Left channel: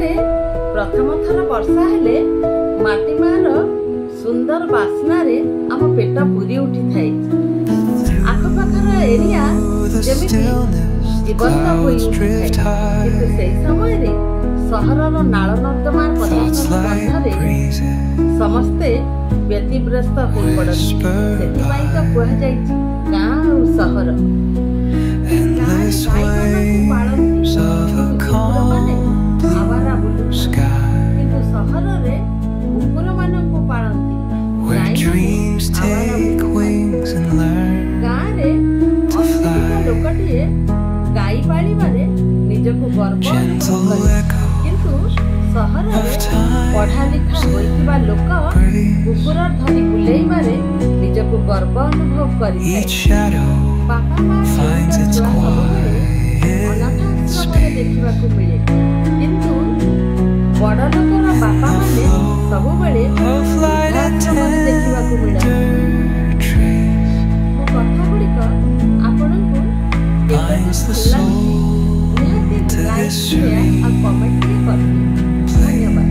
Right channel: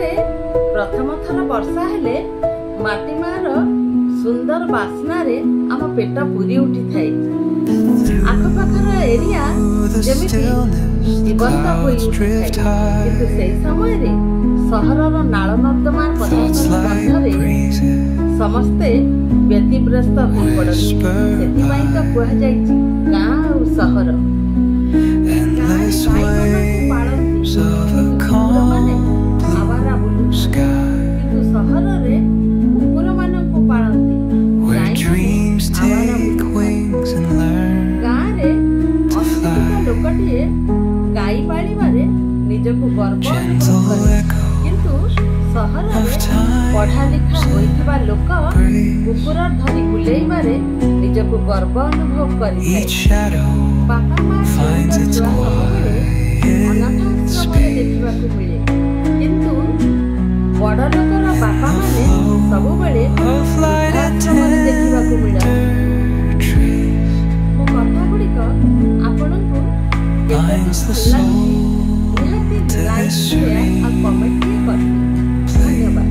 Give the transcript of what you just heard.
गाँव प्रथम थर वर्षा हेले माटी मार सुंदर बास्ना रे आम पेट पूरी उठी थाए। आखपाखर एरिया जेमिति जीवंत होई उठी थाए, किंतु सेही समय रे सहरर नाल नर्दमार प्रदूषण गंधरे समस्ते व्यतिग्रस्त हो पड़ती। सेथिपाई तो कुहा जायछि गाँ और सहर। आवारा बुलुछन किंतु सहर रे कुकुर माननकु पाळंती। गाँ रे अशिक्षित लोकटिए गाई पाळिबारे निजको गर्व अनुभव करे, किंतु सहर रे पढ़ा लिखा होइथिबा लोक कुकुर धरी बुलेइबारे निजको गर्व अनुभव करिथाय। बापा माँ छुआ सबुबेले अनाथाश्रम देखा मिले, किंतु बड़ लोकर बापा माने सबुबेले वृद्धाश्रम देखा मिले। मो कथा गुड़िक आपनकु केतेदूर भल लागुछि निहाती लाइक शेयर और कमेंट करबी। धन्यवाद।